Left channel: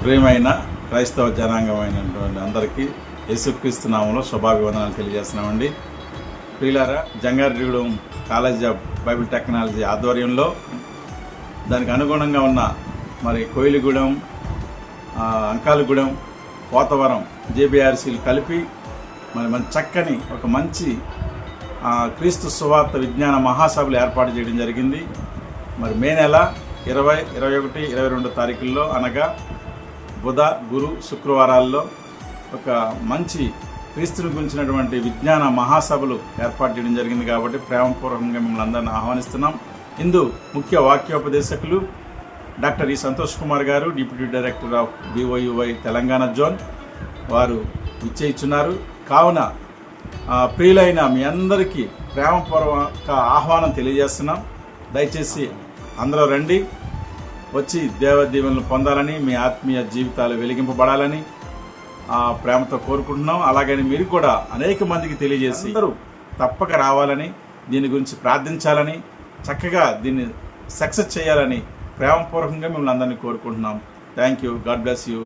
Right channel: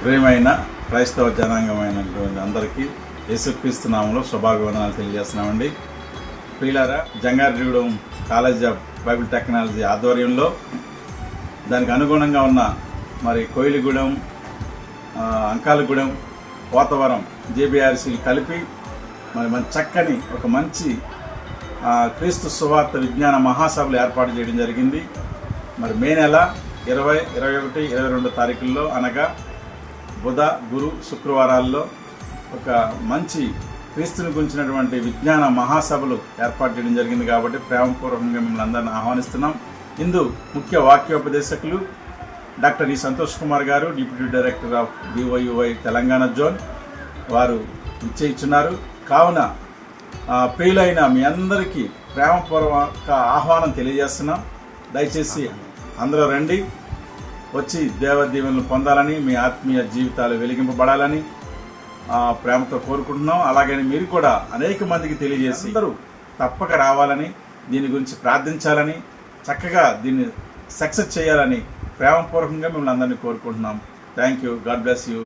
ప్రియమైన క్రైస్తవ జనాంగమైనటువంటి అందరికీ యేసుక్రీస్తు నామములో శుభాభివందనాలు తెలియజేస్తున్నామండి. ప్రియులారా, Jangareddygudem college of Bible technology ఆధ్వర్యంలో దానికి అనుగుణంగా ఉన్న మరి కోయిలిగూడెం, అంకాలగూడెం, పోతవరం జేబీఆర్సీలు కలిపి మరి చక్కని ఒక మంచి క్రీస్తు సువార్త విజ్ఞాన మహాసభలు ఏర్పాటు చేయడం జరిగింది. మరి మే నెల 20, 21, 22 తారీఖుల్లో అనగా బుధ, గురు, శుక్రవారాల్లో ఒక మంచి క్రీస్తుని గురించినటువంటి విజ్ఞాన మహాసభలు ఏర్పాటు చేయడం జరిగింది. కాబట్టి ప్రేమపూర్వకంగా మిమ్మల్ని అందరినీ ఆహ్వానిస్తున్నాం. ఇందు ముఖ్య వాక్యోపదేశకులు డాక్టర్ ఈ సంతోష్ కుమార్ గారు, deputy director of BOUI Telangana zone, వారు ఇచ్చేయిస్తున్నారు. కావున ప్రియులైన మీ అందరికీ ప్రేమపూర్వక ఆహ్వానం తెలియజేస్తున్నాం. దయచేసి అందరూ రండి, వచ్చి దేవదీవెనలు పొందాలని, మీ ఆత్మీయ జీవితాలు వెలిగింపబడాలని ప్రేమతో కోరుకుంటున్నాం. అలాగని మీరు కూడా అనేక మందికి తెలియజేసి అందరూ తప్పక రావాలని, దీని గురించి ప్రార్థించాలని, చక్కగా దీన్ని సక్సెస్ చేయాలని ప్రేమపూర్వకంగా మిమ్మల్ని అందరినీ కోరుకుంటున్నాం. Thank you. God bless you.